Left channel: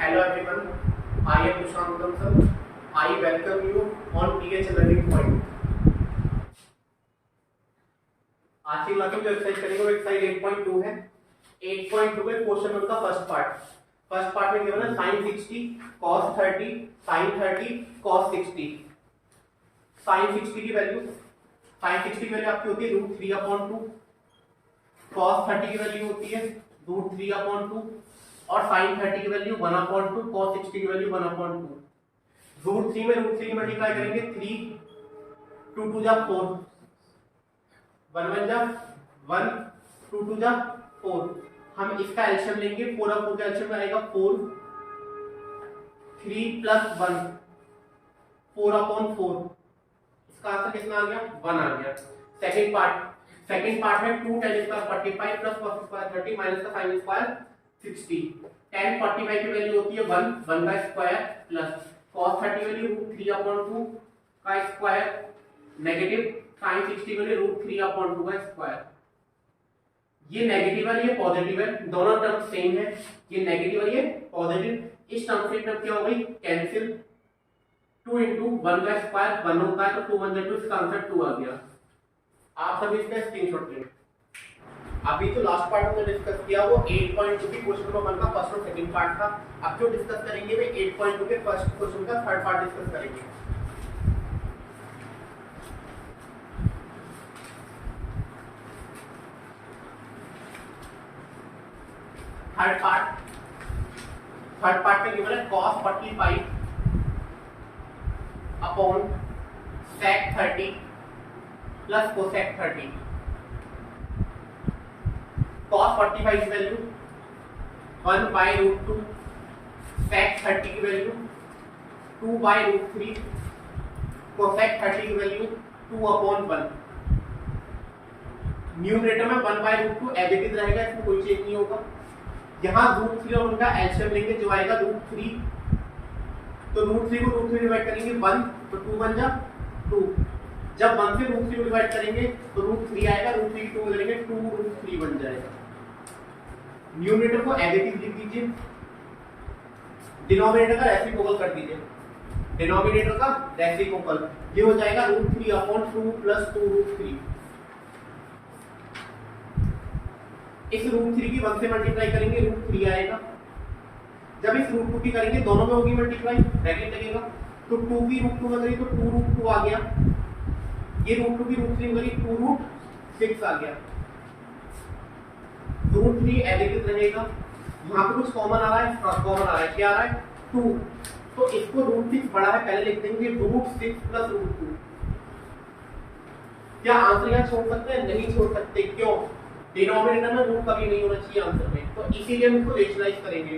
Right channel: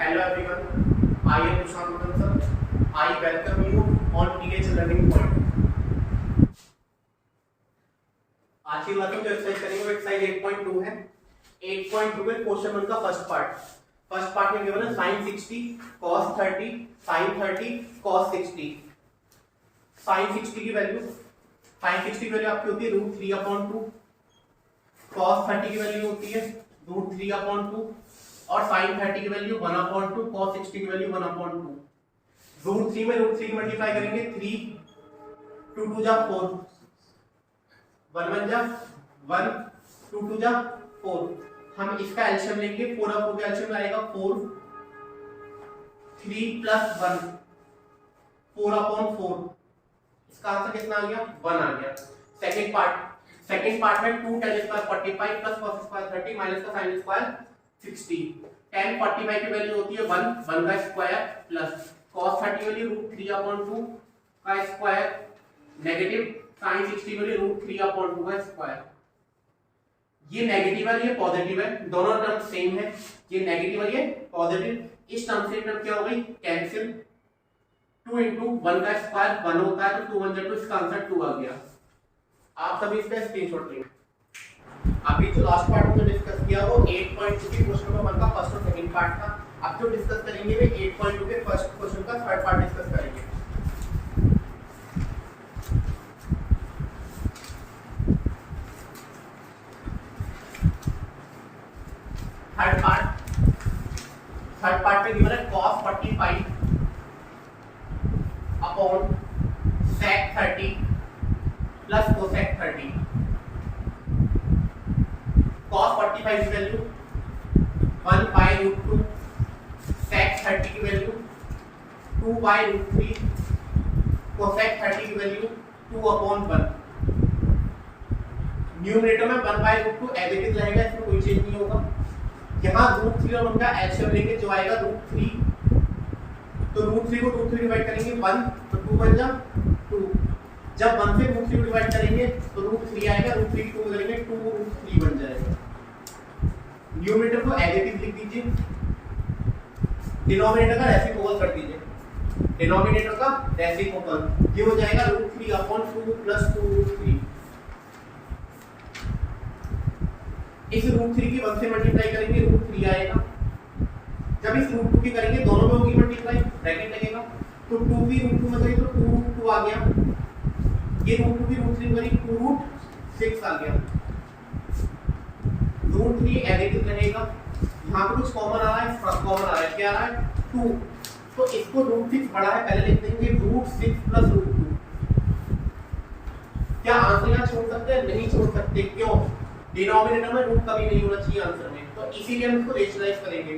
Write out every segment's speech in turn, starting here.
Hello everyone, I am Prashant Uttam sir. I welcome you on TH Learning Point. आज की class में जो exercise करेंगे वो एक्सरसाइज 8.2 है। 8.2 में क्वेश्चन 1 का फर्स्ट पार्ट में गिवन है sin 60 cos 30 sin 30 cos 60। sin 60 की वैल्यू आपकी होती है √3/2, cos 30 की वैल्यू होती है √3/2 और sin 30 की वैल्यू 1/2, cos 60 की वैल्यू 1/2। √3 में √3 मल्टीप्लाई करेंगे 3 2 2 जा 4 1 1 जा 1 2 2 जा 4। हम इसका एलसीएम लेंगे, 4 और 4 का एलसीएम आएगा 4 3 + 1 4/4। इसका आंसर कितना आ गया 1 आ गया। सेकंड पार्ट है 2 tan square 45 + cos square 30 minus का sin स्क्वायर 60। tan 45 की वैल्यू होती है 1 का स्क्वायर प्लस cos 30 वैल्यू √3/2 का स्क्वायर नेगेटिव sin 60 की वैल्यू √3/2 का स्क्वायर। ये नेगेटिव है, ये पॉजिटिव है, दोनों टर्म सेम है। ये नेगेटिव है, ये पॉजिटिव। इस टर्म से टर्म क्या हो गई कैंसिल। 2 × 1 का स्क्वायर 1 होता है तो 2 1 2, इसका आंसर 2 आ गया। आप सभी इसका स्क्रीनशॉट लें। अभी जो लास्ट पार्ट हमने डिस्कस किया वो 8.2 की क्वेश्चन नंबर 1 का फर्स्ट और सेकंड पार्ट था। अब जो डिस्कस करेंगे वे 8.2 के फर्स्ट क्वेश्चन का थर्ड पार्ट डिस्कस करेंगे। थर्ड पार्ट में गिवन है cos 45 upon sec 30 plus cosec 30। cos 45 की वैल्यू 1/√2, sec 30 की वैल्यू 2/√3, cosec 30 की वैल्यू 2/1। न्यूमरेटर में 1/√2 एज इट इज रहेगा, इसमें कोई चेंज नहीं होगा। यहाँ √3 और उनका एलसीएम लेंगे जो आएगा √3, तो √3 को √3 डिवाइड करेंगे 1 तो 2 बन जा 2। जब 1 से √3 डिवाइड करेंगे तो √3 आएगा, √3 2 में करेंगे 2√3 बन जाएगा। न्यूमरेटर को एज इट इज लिख दीजिए, डिनोमिनेटर का रेसिप्रोकल कर दीजिए। डिनोमिनेटर का रेसिप्रोकल ये हो जाएगा √3/2 + 2√3। इस √3 की 1 से मल्टीप्लाई करेंगे √3 आएगा। जब इस √2 की करेंगे दोनों में होगी मल्टीप्लाई, ब्रैकेट लगेगा तो 2 की √2 में करेंगे तो 2√2 आ गया। ये √2 की √3 में करी 2√6 आ गया। √3 एज इट इज रहेगा। यहाँ पे कुछ कॉमन आ रहा है, क्या आ रहा है 2, तो इसको √6 बड़ा है पहले लिख देंगे √6 + √2। क्या आंसर यहाँ छोड़ सकते हैं? नहीं छोड़ सकते। क्यों? डिनोमिनेटर में रूट कभी नहीं होना चाहिए आंसर में, तो इसीलिए हम इसको रेशनलाइज करेंगे।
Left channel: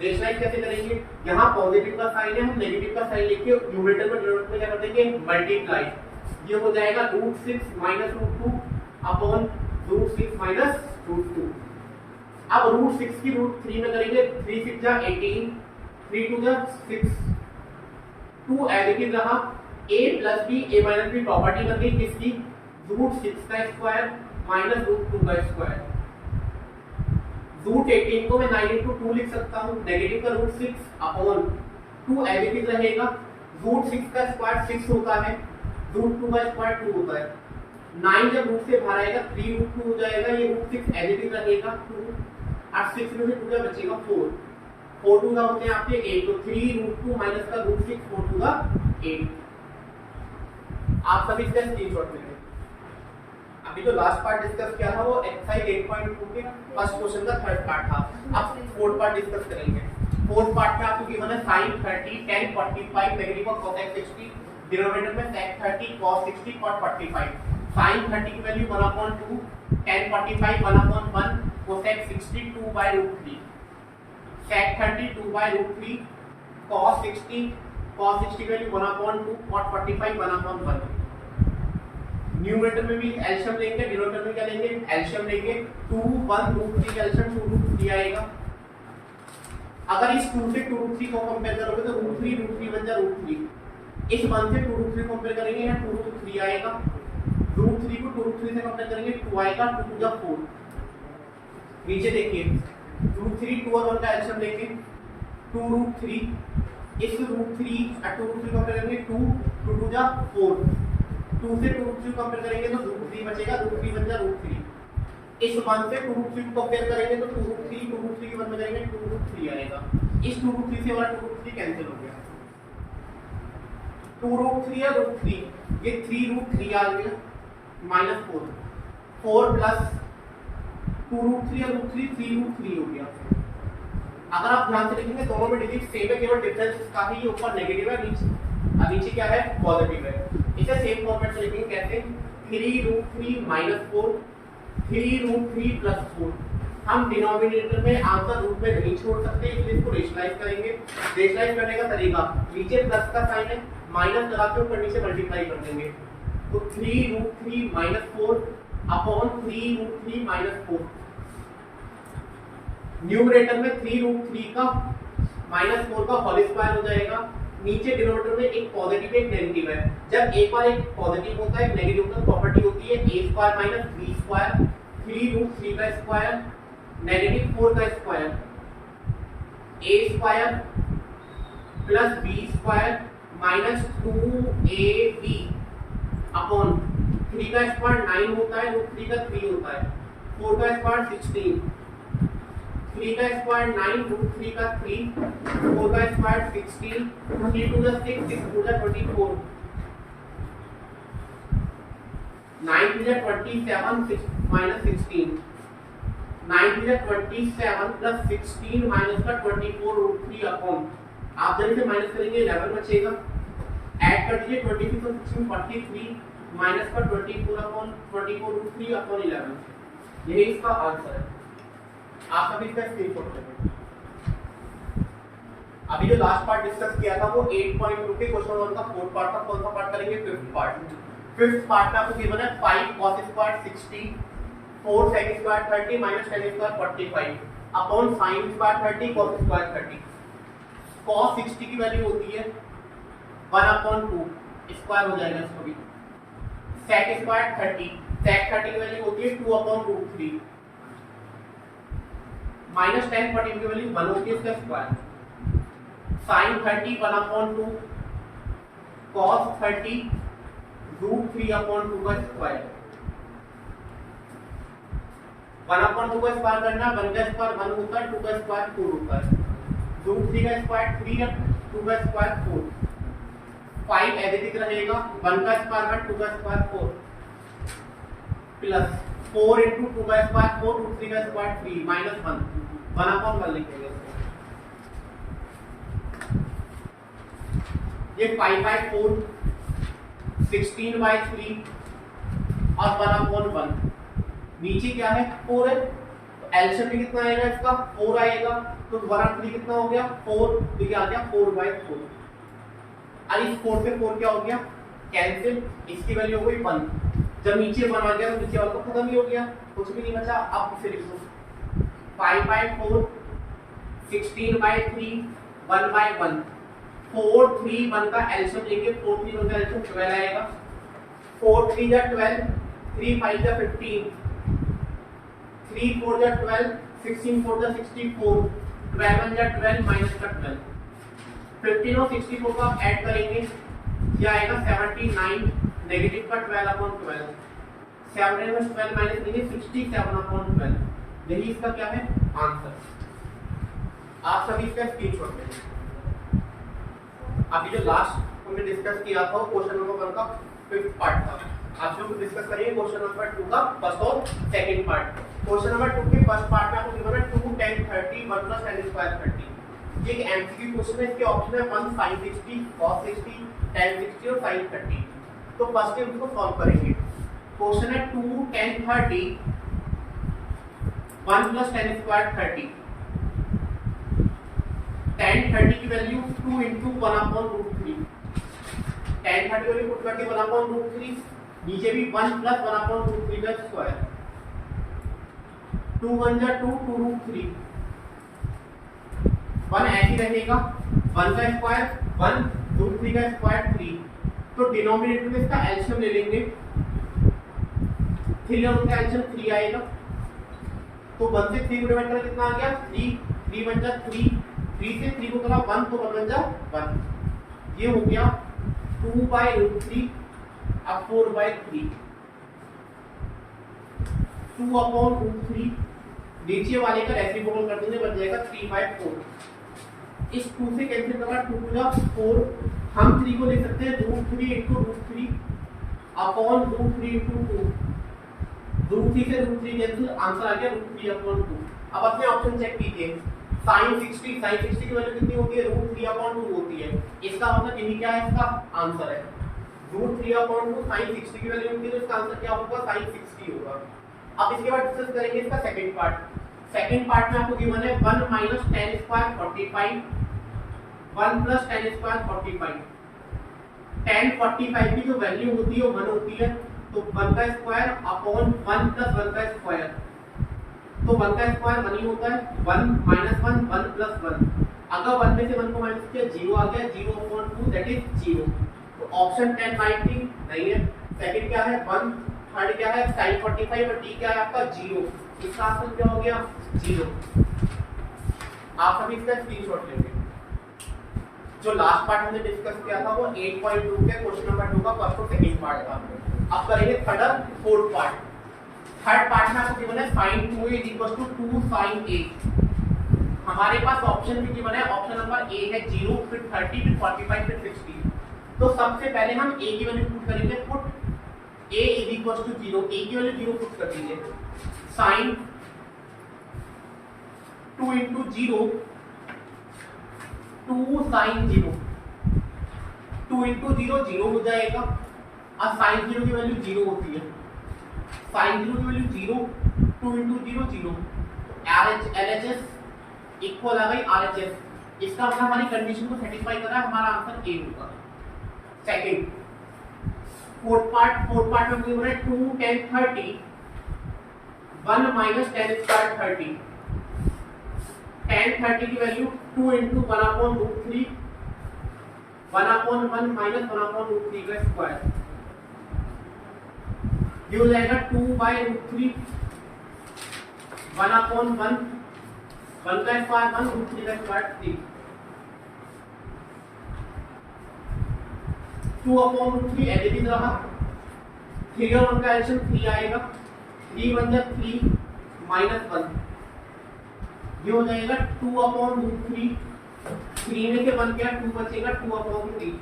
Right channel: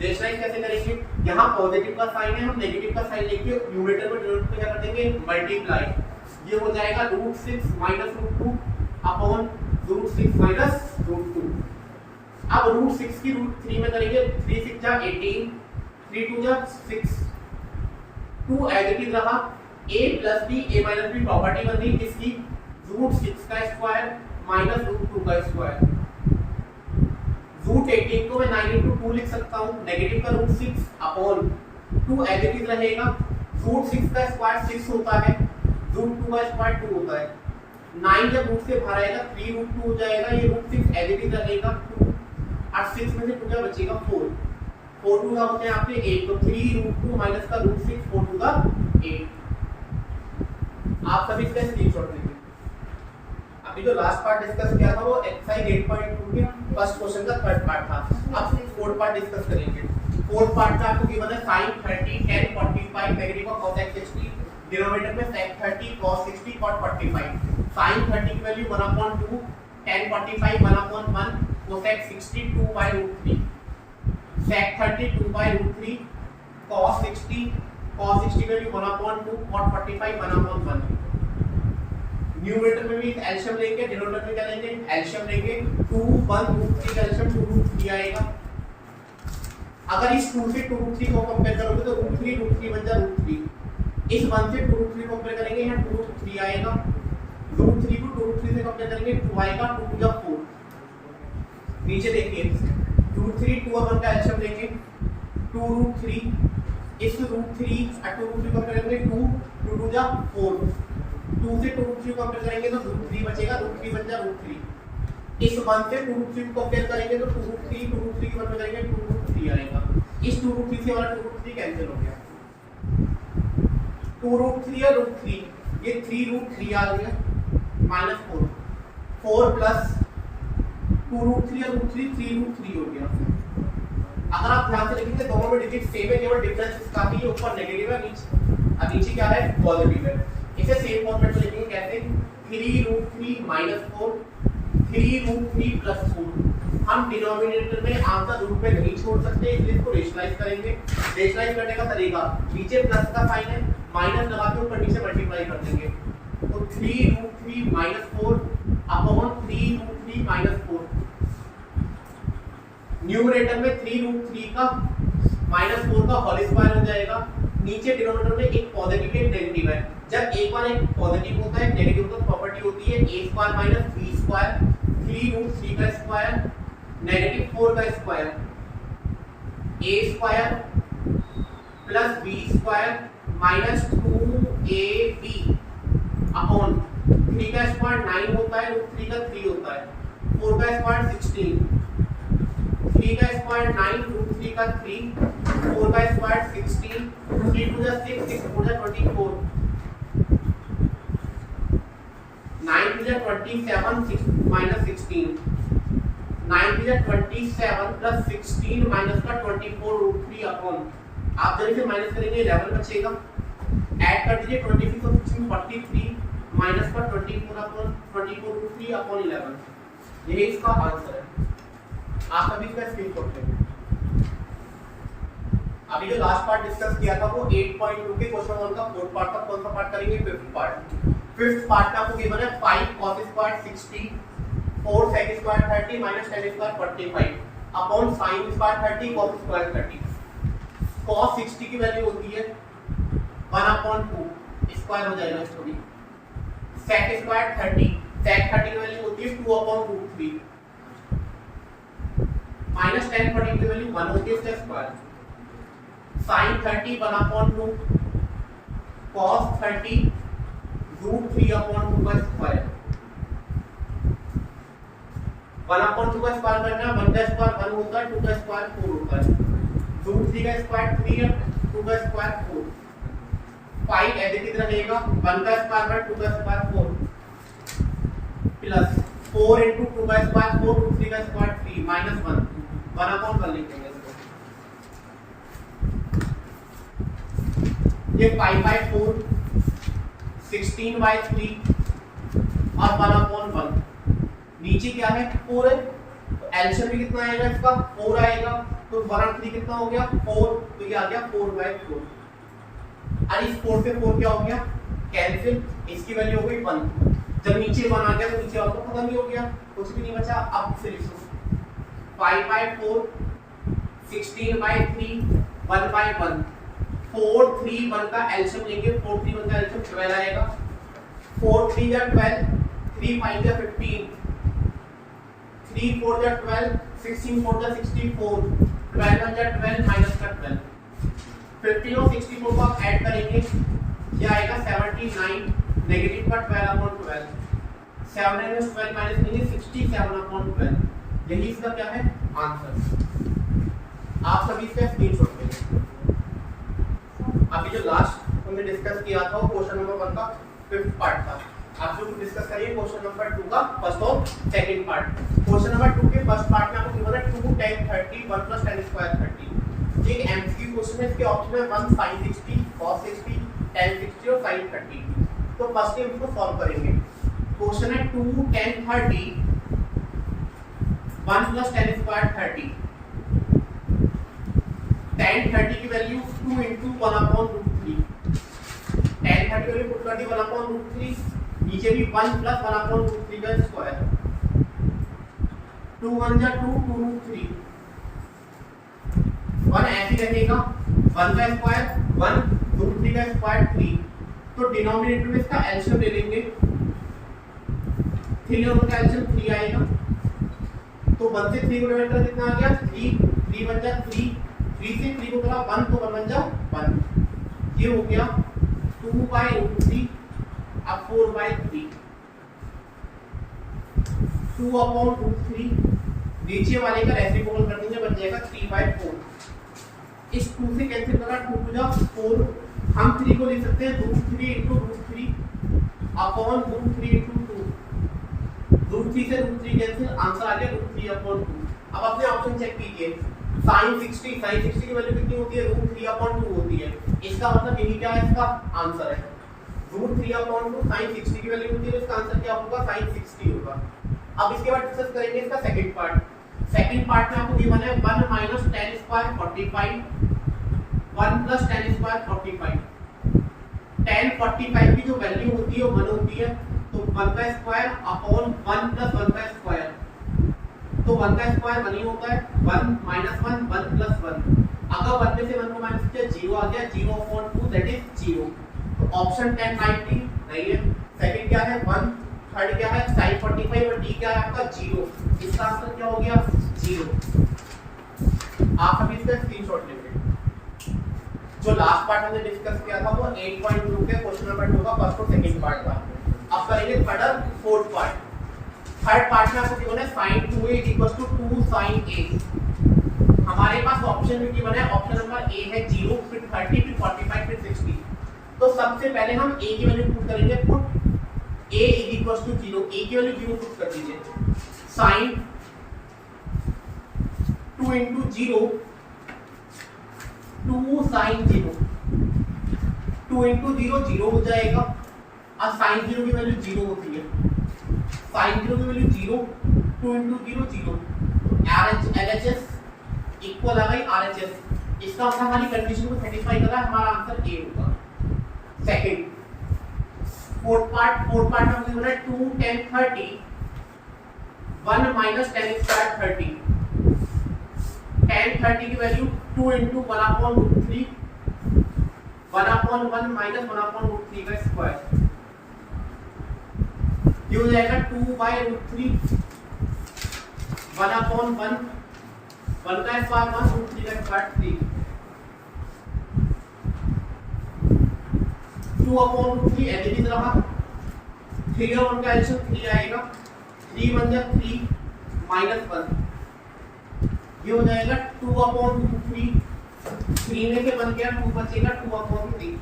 रेशनलाइज कैसे करेंगे? यहाँ पॉजिटिव का साइन है, हम नेगेटिव का साइन लेके न्यूमरेटर में डिनोमिनेटर में क्या कर देंगे मल्टीप्लाई। ये हो जाएगा √6 - √2 अपॉन √6 - √2। अब √6 की √3 में करेंगे 3 6 जा 18 3 2 जा 6 2 एज इट इज रहा। a + b a - b property बन गई किसकी √6 का स्क्वायर माइनस √2 का स्क्वायर। √18 को मैं 9 × 2 लिख सकता हूँ, नेगेटिव का √6 अपॉन 2 एज इट इज रहेगा। √6 का स्क्वायर 6 होता है, √2 का स्क्वायर 2 होता है। 9 जब रूट से बाहर आएगा 3√2 हो जाएगा, ये √6 एज इट इज रहेगा 2 और 6 में से 2 क्या बचेगा 4 4 2 का होते हैं आपके 8, तो 3√2 माइनस का √6 4 2 का 8। आप सभी इसका स्क्रीनशॉट लेंगे। अभी जो लास्ट पार्ट डिस्कस किया था वो एक्सरसाइज 8.2 के फर्स्ट क्वेश्चन का थर्ड पार्ट था। अब फोर्थ पार्ट डिस्कस करेंगे। फोर्थ पार्ट में आपको गिवन है sin 30 tan 45 नेगेटिव का cosec 60, डिनोमिनेटर में sec 30 cos 60 cot 45। sin 30 की value 1/2, tan 45 1/1, cosec 60 2/√3, sec 30 2/√3, cos 60 की वैल्यू 1/2, cot 45 1/1। न्यूमरेटर में भी एलसीएम लेंगे, डिनोमिनेटर में क्या लेंगे एलसीएम लेंगे। 2 1 √3 का एलसीएम 2√3 आएगा। अगर इस 2 से 2√3 को कंपेयर करोगे तो √3 बन जा √3। इस 1 से 2√3 कंपेयर करेंगे, यहाँ 2√3 आएगा। √3 को 2√3 से कंपेयर करेंगे 2 आएगा, 2 2 जा 4। नीचे देखिए √3 2 और 1 का एलसीएम लेंगे 2 रूट 3, इस रूट 3 और 2 रूट 3 कंपेयर करेंगे 2 2 2 जा 4, 2 से 2 रूट 3 कंपेयर करेंगे तो रूट 3 बचेगा, रूट 3 बन जा रूट 3। इस 1 से 2 रूट 3 को कंपेयर करेंगे तो 2 रूट 3 की कंपेयर करेंगे 2 रूट 3 आएगा। इस 2 रूट 3 से वाला 2 रूट 3 कैंसिल हो गया, 2 रूट 3 और रूट 3, ये 3 रूट 3 आ गया -4, 4 प्लस 2 रूट 3 और रूट 3 3 रूट 3 हो गया। अगर आप ध्यान से देखेंगे दोनों में डिजिट सेम है, केवल डिफरेंस इसका ही है, ऊपर नेगेटिव है, नीचे क्या है पॉजिटिव है। इसे सेम फॉर्मेट में लिखेंगे कैसे, 3 रूट 3 -4, 3 रूट 3 प्लस 4। हम डिनोमिनेटर में आंसर रूट में नहीं छोड़ सकते, इसलिए इसको रेशनलाइज करेंगे। रेशनलाइज करने का तरीका, नीचे प्लस का साइन है, माइनस लगा के ऊपर नीचे मल्टीप्लाई कर देंगे, तो 3 रूट 3 -4 अपॉन 3 रूट 3 -4। न्यूमरेटर में 3 रूट 3 का -4 का होल स्क्वायर हो जाएगा, नीचे डिनोमिनेटर में एक पॉजिटिव एक नेगेटिव है। जब एक बार एक पॉजिटिव होता है एक नेगेटिव होता है, प्रॉपर्टी होती है a square minus b square, 3 root 3 का स्क्वायर नेगेटिव 4 का square, a square plus b square minus 2ab upon 3 का स्क्वायर 9 होता है, रूट 3 का 3 होता है, 4 का स्क्वायर 16, 3 का स्क्वायर 9, रूट 3 का 3, 4 का स्क्वायर 16, 3 टू जा 6, 6 टू जा 24, 9 टू जा 27, 6 माइनस 16, 9 टू जा 27 प्लस 16 माइनस का 24 रूट 3 अपॉन, आप जल्दी से माइनस करेंगे 11 बचेगा, ऐड कर दीजिए 26 और 16 43 माइनस का 24 अपॉन 24 रूट 3 अपॉन 11, यही इसका आंसर है। आप अभी इसका स्क्रीनशॉट लेंगे। अभी जो लास्ट पार्ट डिस्कस किया था वो 8.2 के क्वेश्चन 1 का फोर्थ पार्ट था, कौन सा पार्ट करेंगे फिफ्थ पार्ट। फिफ्थ पार्ट में आपको गिवन है 5 cos square 60, 4 sec square 30 minus tan square 45 upon sin square 30 cos square 30। cos 60 की वैल्यू होती है 1/2, स्क्वायर हो जाएगा इसको भी, sec स्क्वायर 30, sec 30 की वैल्यू होती है 2/√3 माइनस tan 40 की वैल्यू 1 होती है इसका स्क्वायर, sin 30 1/2, cos 30 √3/2 का स्क्वायर, 1/2 का स्क्वायर करना है, 1 का स्क्वायर 1 होता है, 2 का स्क्वायर 4 होता है, √3 का स्क्वायर 3 है, 2 का स्क्वायर 4, 5 एज इट इज रहेगा, 1 का स्क्वायर बाय 2 का स्क्वायर 4 प्लस 4 into 2 का स्क्वायर 4, √3 का स्क्वायर 3 माइनस 1/1 लिखेंगे। ये 5/4 16/3 और 1/1, नीचे क्या है 4 है, तो एलसीएम में कितना आएगा इसका 4 आएगा, तो 1/3 कितना हो गया 4, तो ये आ गया 4/4। और इस 4 से 4 क्या हो गया कैंसिल, इसकी वैल्यू हो गई 1। जब नीचे 1 आ गया तो नीचे वाला तो खत्म ही हो गया, कुछ भी नहीं बचा। अब इसे लिखो 5/4 16/3 1/1, 4 3 1 का एलसीएम लेंगे, 4 3 1 का एलसीएम 12 आएगा, 4 3 जा 12, 3 5 जा 15, 3 4 जा 12, 16 4 जा 64, 12 1 जा 12 माइनस का 12, 15 और 64 का ऐड करेंगे, ये आएगा 79, नेगेटिव का 12/12, 7 में 12 माइनस करेंगे 67/12, यही इसका क्या है आंसर। आप सभी इसका स्क्रीनशॉट लेंगे। अभी जो लास्ट हमने डिस्कस किया था वो क्वेश्चन नंबर 1 का फिफ्थ पार्ट था। आप लोग डिस्कस करिए क्वेश्चन नंबर 2 का फर्स्ट और सेकंड पार्ट। क्वेश्चन नंबर 2 के फर्स्ट पार्ट में आपको गिवन है 2 tan 30 1 plus tan स्क्वायर 30। ये एक एमसीक्यू क्वेश्चन है, इसके ऑप्शन है 1 sin 60 cos 60 tan 60 और sin 30। तो फर्स्ट हम इसको सॉल्व करेंगे। क्वेश्चन है 2 tan 30 1 plus tan square 30। tan 30 की वैल्यू 2 into 1/√3, tan 30 की वैल्यू पुट कर दी 1/√3, नीचे भी 1 plus 1/√3 का स्क्वायर, 2 1 जा 2 2√3, 1 ऐसे रहेगा, 1 का स्क्वायर 1 √3 का स्क्वायर 3, तो डिनोमिनेटर में इसका एलसीएम ले लेंगे, 3 और का एलसीएम 3 आएगा, तो 1 से 3 को डिवाइड करके कितना आ गया 3, 3 1 जा 3, 3 से 3 को करा 1 तो 1 बन जा 1, ये हो गया 2/√3, अब 4/3, 2/√3, नीचे वाले का रेसिप्रोकल कर देंगे, बन जाएगा 3/4। इस 2 से कैंसिल करा 2 टू जा 4, हम 3 को लिख सकते हैं √3 × √3 अपॉन √3 × 2, √3 से √3 कैंसिल, आंसर आ गया √3/2। अब अपने ऑप्शन चेक कीजिए, sin 60 की वैल्यू कितनी होती है, √3/2 होती है, इसका मतलब यही क्या है, इसका आंसर है √3/2 sin 60 की वैल्यू होती है, तो इसका आंसर क्या होगा, sin 60 होगा। अब इसके बाद डिस्कस करेंगे इसका सेकंड पार्ट। सेकंड पार्ट में आपको गिवन है 1 - 10² 45, 1 + 10² 45, 10 45 की जो वैल्यू होती है वो 1 होती है, तो 1² अपॉन 1 + 1², तो 1² 1 ही होता है, 1 - 1 1 + 1, अगर 1 में से 1 को माइनस किया 0 आ गया, 0/2 दैट इज 0, तो ऑप्शन 10 राइट नहीं है। सेकंड क्या है 1, थर्ड क्या है sin 45 और डी क्या है आपका 0, इसका आंसर क्या हो गया 0। आप सभी इसका स्क्रीनशॉट लेंगे। जो लास्ट पार्ट हमने डिस्कस किया था वो 8.2 के क्वेश्चन नंबर 2 का फर्स्ट और सेकंड पार्ट था। अब करेंगे थर्ड और फोर्थ पार्ट। थर्ड पार्ट में आपको गिवन है sin 2a = 2 sin a। हमारे पास ऑप्शन भी गिवन है, ऑप्शन नंबर ए है 0, फिर 30, फिर 45, फिर 60। तो सबसे पहले हम a की वैल्यू पुट करेंगे, पुट a = 0, a की वैल्यू 0 पुट कर दीजिए, sin 2 × 0 2 sin 0, 2 × 0 0 हो जाएगा, अब sin 0 की वैल्यू 0 होती है, sin 0 की वैल्यू 0, 2 × 0 0, LHS इक्वल आ गई RHS, इसका मतलब हमारी कंडीशन को सेटिस्फाई कर रहा है, हमारा आंसर ए होगा। सेकंड फोर्थ पार्ट में हमने बोला 2 10 30, 1 - 10² 30, 10 30 की वैल्यू 2 × 1/√3, 1/1 -1/√3 का स्क्वायर, ये हो जाएगा 2/√3, 1/1 1 का स्क्वायर 1, √3 का स्क्वायर 3, 2/√3 एडिटिव रहा, 3 और 1 का एडिशन 3 आएगा, 3 1 जा 3 -1, ये हो जाएगा 2/√3, 3 में से 1 गया 2 बचेगा, 2/3,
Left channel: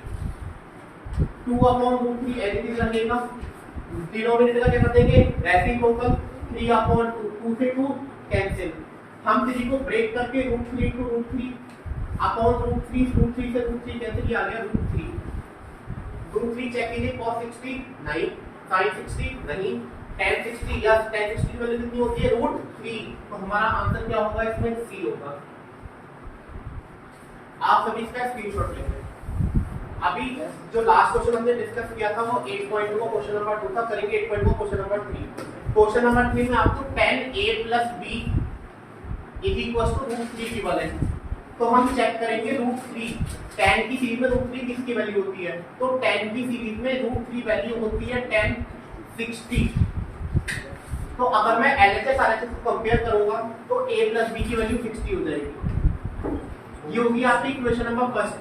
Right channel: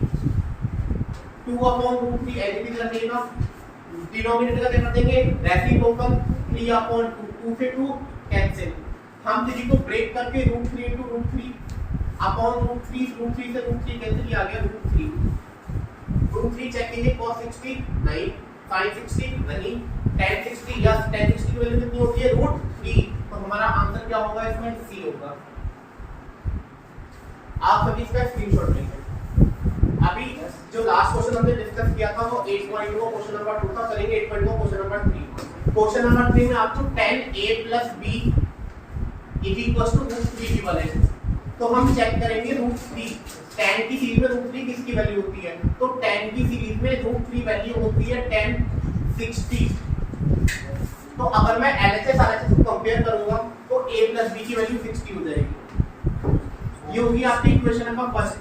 2/√3 एडिटिव रखेगा, डिनोमिनेटर का क्या कर देंगे रेसिप्रोकल, 3/2, 2 से 2 कैंसिल, हम 3 को ब्रेक करके √3 × √3 अपॉन √3 से √3 कैंसिल, ये आ गया √3, √3 चेक कीजिए, cos 60 नहीं, sin 60 नहीं, tan 60 या tan 60 की वैल्यू कितनी होती है √3, तो हमारा आंसर क्या होगा इसमें सी होगा। आप सभी इसका स्क्रीनशॉट लेंगे। अभी जो लास्ट क्वेश्चन हमने डिस्कस किया था वो 8.2 का क्वेश्चन नंबर 2 था, करेंगे 8.2 क्वेश्चन नंबर 3। क्वेश्चन नंबर 3 में आपको 10a + b = √3 गिवन है, तो हम चेक करेंगे √3, tan की सीरीज में √3 किसकी वैल्यू होती है, तो tan की सीरीज में √3 वैल्यू होती है tan 60, तो अगर मैं LHS RHS को कंपेयर करूंगा तो a + b की वैल्यू 60 हो जाएगी, ये होगी आपकी equation number first.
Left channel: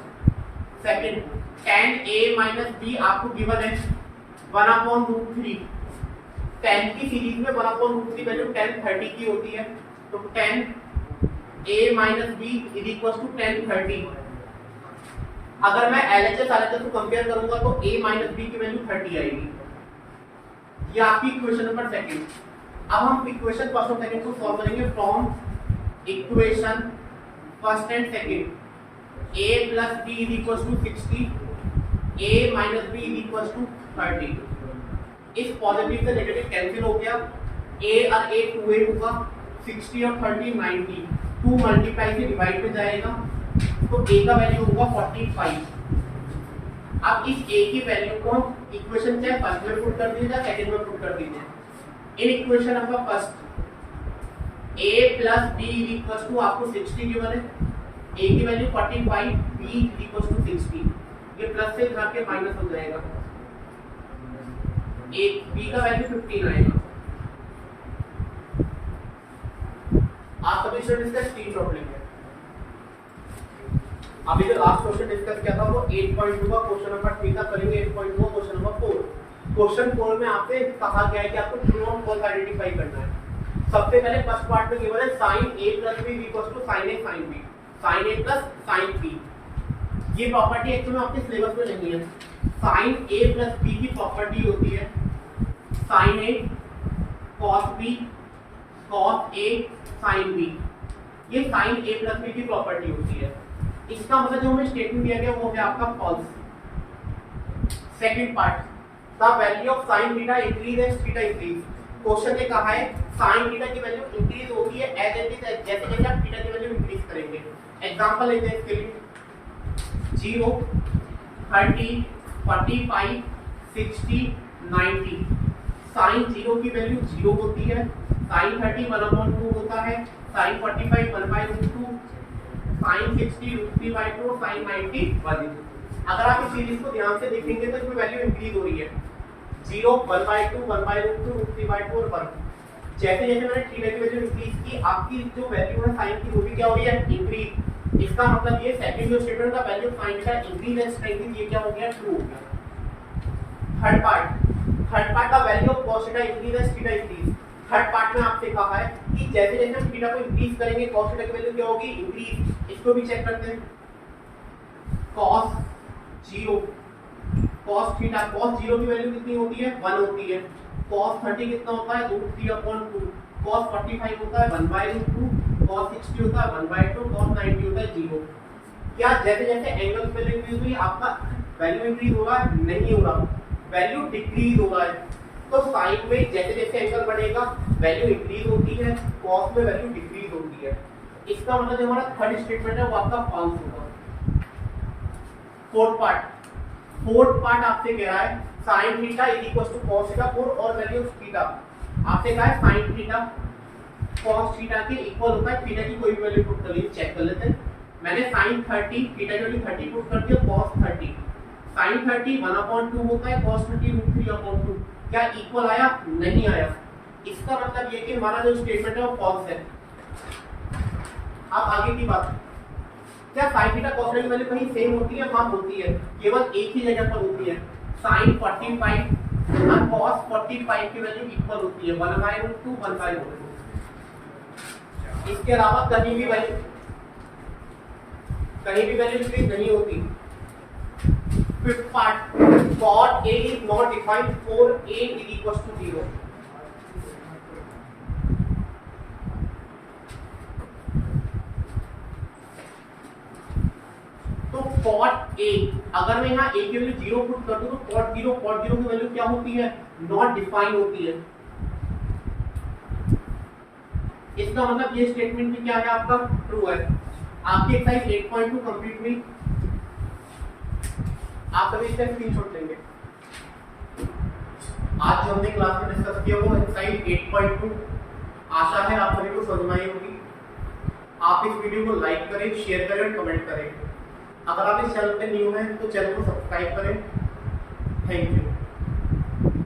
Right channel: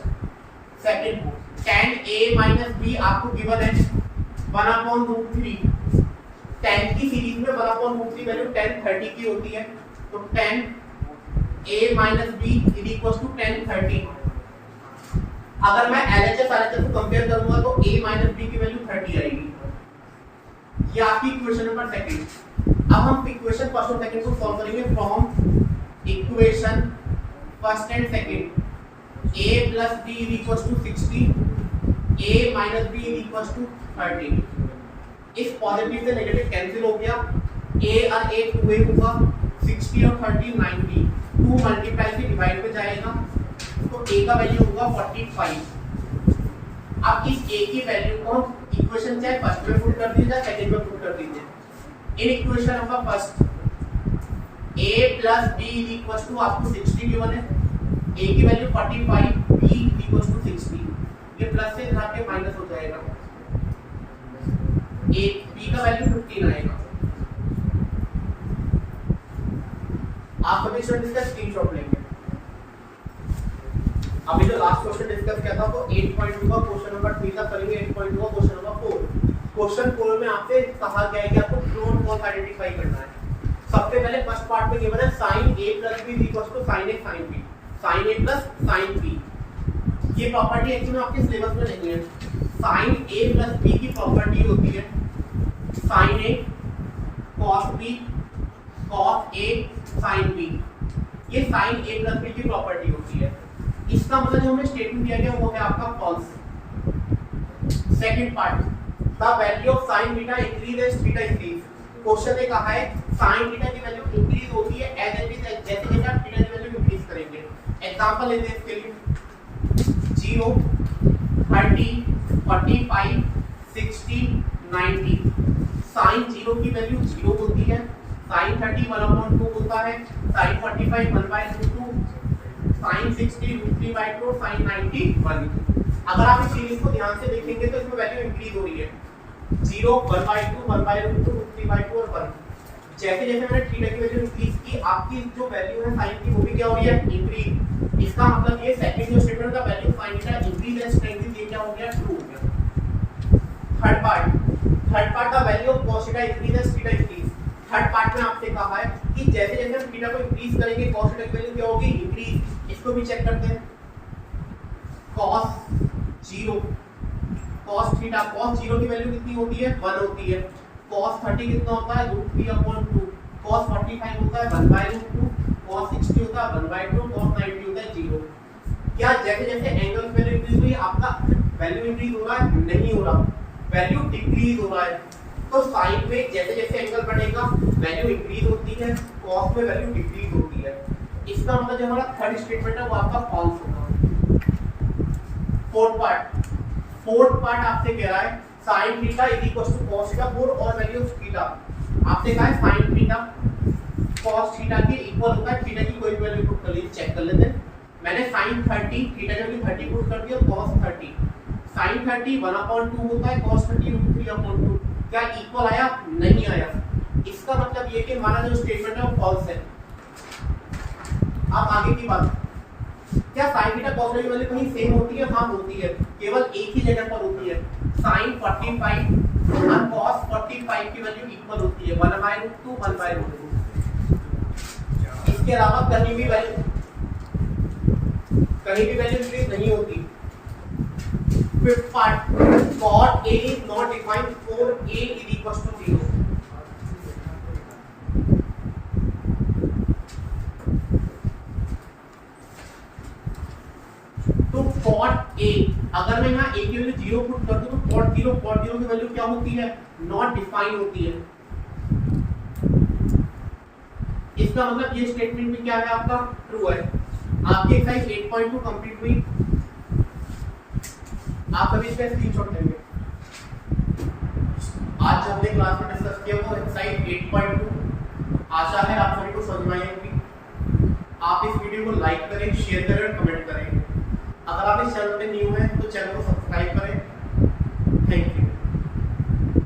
Second tan a - b आपको गिवन है 1/√3, tan की सीरीज में 1/√3 वैल्यू tan 30 की होती है, तो tan a - b = tan 30, अगर मैं LHS RHS को कंपेयर करूंगा तो a - b की वैल्यू 30 आएगी, ये आपकी इक्वेशन नंबर सेकंड। अब हम इक्वेशन फर्स्ट और सेकंड को सॉल्व करेंगे from equation first and second, a + b = 60, a - b = 30, इस पॉजिटिव से नेगेटिव कैंसिल हो गया, a और a 2a होगा, 60 और 30 90, 2 मल्टीप्लाई से डिवाइड में जाएगा, तो a का वैल्यू होगा 45। अब इस a की वैल्यू को इक्वेशन चाहे फर्स्ट में पुट कर दीजिए सेकंड में पुट कर दीजिए। In equation number first a + b = आपको 60 गिवन है, a की वैल्यू 45, b = 60, ये प्लस से घटा के माइनस हो जाएगा, a b का वैल्यू 15 आएगा। आप सभी स्टूडेंट्स का स्क्रीनशॉट लेंगे। अभी जो लास्ट क्वेश्चन डिस्कस किया था वो 8.2 का क्वेश्चन नंबर 3 तक करेंगे, 8.2 का क्वेश्चन नंबर 4। क्वेश्चन 4 में आपसे कहा गया है कि आपको ट्रू और फॉल्स आइडेंटिफाई करना है। सबसे पहले फर्स्ट पार्ट में गिवन है sin a + b = sin a sin b, sin a + sin b। ये प्रॉपर्टी एक्चुअली में आपके सिलेबस में नहीं है। sin a + b की प्रॉपर्टी होती है sin a cos b cos a sin b। ये sin a + b की प्रॉपर्टी होती है। इसका मतलब जो हमें स्टेटमेंट दिया गया वो है आपका false. Second part, the value of sin beta increase as theta increase. Question ने कहा है sin थीटा की वैल्यू इंक्रीज होती है एज इट इज, जैसे जैसे आप थीटा की वैल्यू इंक्रीज करेंगे। एग्जांपल लेते हैं इसके लिए 0 30 45 60 90। sin 0 की वैल्यू 0 होती है, sin 30 1/2 होता है, sin 45 1/2, sin 60 √3/2, sin 90 1/2। अगर आप इस सीरीज को ध्यान से देखेंगे तो इसमें वैल्यू इंक्रीज हो रही है, 0 1/2 1/2 √3/2 और 1। जैसे जैसे मैंने थीटा की वैल्यू इंक्रीज की, आपकी जो वैल्यू है sin की वो भी क्या हो रही है, इंक्रीज। इसका मतलब ये सेकंड जो स्टेटमेंट का value sin theta increase and strengthen, ये क्या हो गया, ट्रू हो गया। थर्ड पार्ट का value of cos theta increase and theta increase. Third part में आपसे कहा है कि जैसे जैसे हम थीटा को इंक्रीज करेंगे cos थीटा की वैल्यू क्या होगी, इंक्रीज। इसको भी चेक करते हैं। cos 0 cos थीटा, cos 0 की वैल्यू कितनी होती है, 1 होती है। cos 30 कितना होता है, √3/2। cos 45 होता है 1/2। cos 60 होता है 1/2। cos 90 होता है 0। क्या जैसे जैसे एंगल पे इंक्रीज हुई आपका वैल्यू इंक्रीज हो रहा है, नहीं हो रहा, वैल्यू डिक्रीज हो रहा है। तो साइन में जैसे जैसे एंगल बढ़ेगा वैल्यू इंक्रीज होती है, कॉस में वैल्यू डिक्रीज होती है। इसका मतलब जो हमारा थर्ड स्टेटमेंट है वो आपका फॉल्स होगा। फोर्थ पार्ट आपसे कह रहा है sin theta = cos theta for और वैल्यू ऑफ थीटा। आपसे कहा है sin थीटा cos थीटा के इक्वल होता है, थीटा की कोई भी वैल्यू पुट कर लीजिए, चेक कर लेते हैं। मैंने sin 30 थीटा की वैल्यू 30 पुट कर दी और cos 30, sin 30 1/2 होता है, cos 30 √3/2। क्या इक्वल आया, नहीं आया। इसका मतलब ये कि हमारा जो स्टेटमेंट है वो फॉल्स है। अब आगे की बात, क्या sin थीटा cos थीटा की वैल्यू कहीं सेम होती है, हाँ होती है, केवल एक ही जगह पर होती है। sin 45 और cos 45 की वैल्यू इक्वल होती है, 1/2 1/2। इसके अलावा कहीं भी वैल्यू इंक्रीज नहीं होती। Fifth part, cot A is not defined for A = 0। तो cot A, अगर मैं यहाँ A की वैल्यू 0 पुट कर दूं तो cot 0 की वैल्यू क्या होती है, नॉट डिफाइन होती है। इसका मतलब ये स्टेटमेंट भी क्या है, आपका ट्रू है। आपकी एक्सरसाइज 8.2 कंप्लीट हुई। आप सभी इसका स्क्रीनशॉट लेंगे। आज जो हमने क्लास में डिस्कस किया वो एक्सरसाइज 8.2, आशा है आप सभी को समझ में आई होगी। आप इस वीडियो को लाइक करें, शेयर करें और कमेंट करें। अगर आप इस चैनल पे न्यू हैं तो चैनल को सब्सक्राइब करें। Thank you.